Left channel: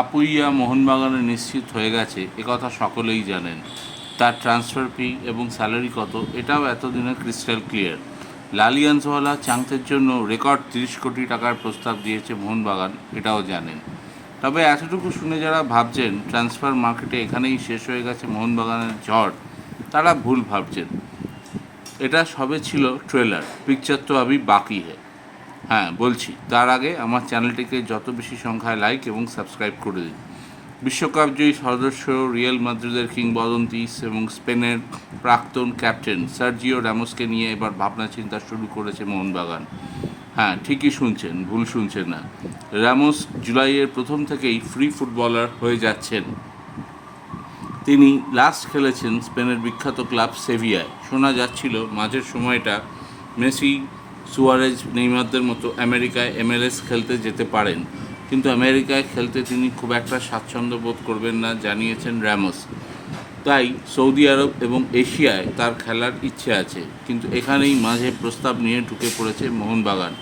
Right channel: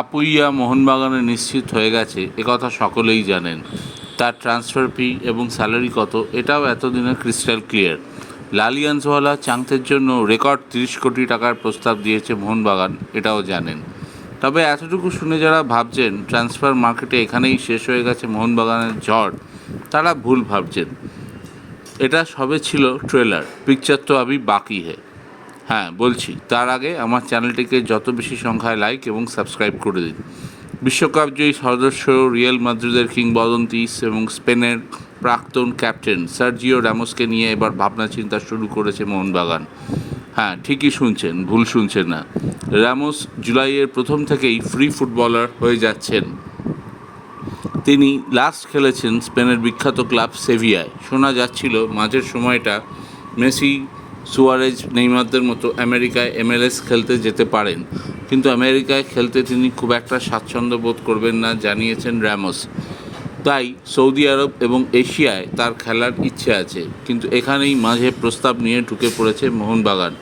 আপুইয়া মোহনবাগানে নিশ্চিত হয়ে গেছে একথা সকলেই জানেন। তার ট্রান্সফার ফি এবং স্যালারি কত এটাও এতদিনে ক্রিস্টাল ক্লিয়ার। লালিয়ান্সওয়ালা চাংথের জন্য রেকর্ড 30 কোটি টাকার প্রস্তাব দিয়েছে মোহনবাগান, এটাও জানেন। তবে এতটুকু শুনে যারা ভাবছেন ট্রান্সফার মার্কেটে এখানেই শেষ হয়ে গেছে মোহনবাগানের ঝড়, তারা ভুল ভাবছেন। এটা সবে ছিল ট্রেলার, পিকচার তো আবি বাকি হে। হ্যাঁ বলছি, তার আগে আমার চ্যানেলটিকে যত বেশি সংখ্যায় লাইক এবং সাবস্ক্রাইব করে দিন। বিশ্বকাপ জয়ী সদস্য রিয়াল মাদ্রিদের কিংবদন্তি এবং স্পেনের প্রাক্তন ক্যাপ্টেন সার্জিও রামোসকে নিয়ে এবার ভাবনা চিন্তা শুরু করেছে মোহনবাগান। হ্যাঁ ঠিকই শুনছেন, ভুল শুনছেন না। রামোস জুলাইয়ের প্রথম থেকেই ফ্রি ফুটবলার হয়ে যাচ্ছেন। তিনি লাস্ট খেলেছেন স্পেনের বিখ্যাত ক্লাব সেভিয়ায়। শোনা যাচ্ছিল মাঝের সময়টা মেসি, সুয়ারেজ, নেইমারদের মতো আমেরিকায় MLS খেলতে যেতে পারেন, কিন্তু আমেরিকায় খেলতে তিনি খুব একটা স্বাচ্ছন্দ্য বোধ করবেন না জানিয়েছেন রামোস। তাই সৌদি আরব এবং এশিয়ায় তার খেলার ইচ্ছে আছে, কিন্তু এখানেই মাঝে প্রস্তাব নিয়ে ঢুকে পড়েছে মোহনবাগান।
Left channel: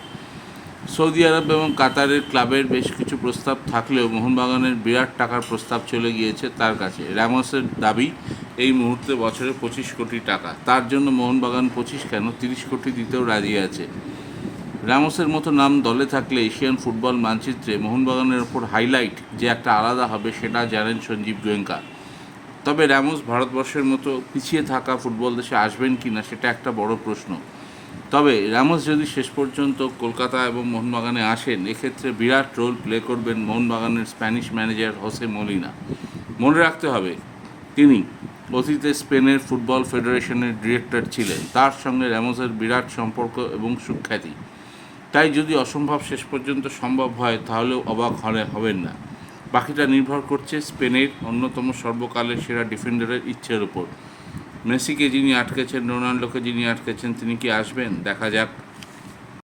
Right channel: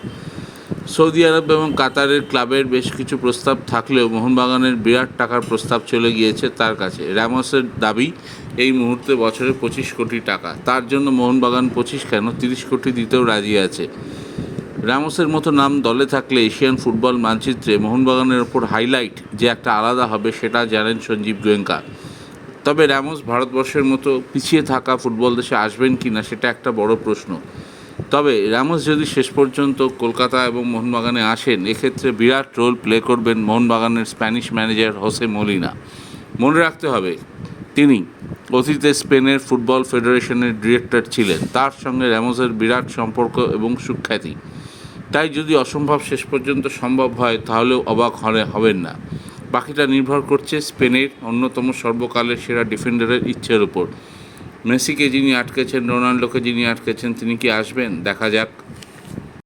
সৌদি আরব এবং কাতারের ক্লাবের বেশ কিছু প্রস্তাব থাকলেও মোহনবাগানের বিরাট টাকার প্রস্তাব চলে গিয়েছে তার কাছে। রামোসের দাবি এই মুহূর্তে বছরে 25 কোটি টাকা। তার জন্য মোহনবাগান 25 কেন 30 কোটি দিতেও রাজি আছে। রামোসের মতো নাম দলে থাকলে এশিয়ান ফুটবল মানচিত্রে মোহনবাগানের ওপর হাইলাইট যে একটা আলাদা হবে সেটা জানেন সঞ্জীব গোয়েঙ্কা। তবে রামোস ভারতবর্ষের মতো পিছিয়ে থাকা ফুটবল দেশে আসবেন কি না সেটা একটা বড় প্রশ্ন। তবে রামোস যদি শেষ পর্যন্ত কলকাতা এবং মোহনবাগানে আসেন, এক্ষেত্রে বিরাট রোল প্লে করবেন মোহনবাগানের স্প্যানিশ ম্যানেজার হোসে মলিনা। মনে রাখতে হবে, তিনি অতীতে স্পেনের ফুটবল ফেডারেশনের ডিরেক্টর ছিলেন। তার সঙ্গে রামোসের বিরাট সম্পর্ক এবং সুখ্যাতি। তাই যদি অসম্ভব শেষ পর্যন্ত সম্ভব হয় তাহলেও অবাক হবেন না। বাকিটা নির্ভর করছে স্পেনের অন্যতম সর্বকালের সেরা ডিফেন্ডারের ইচ্ছের উপর। মেসিকে যিনি আটকেছেন, রোনাল্ডোকে যিনি আটকেছেন, তিনি কি আসবেন দেখা যাক।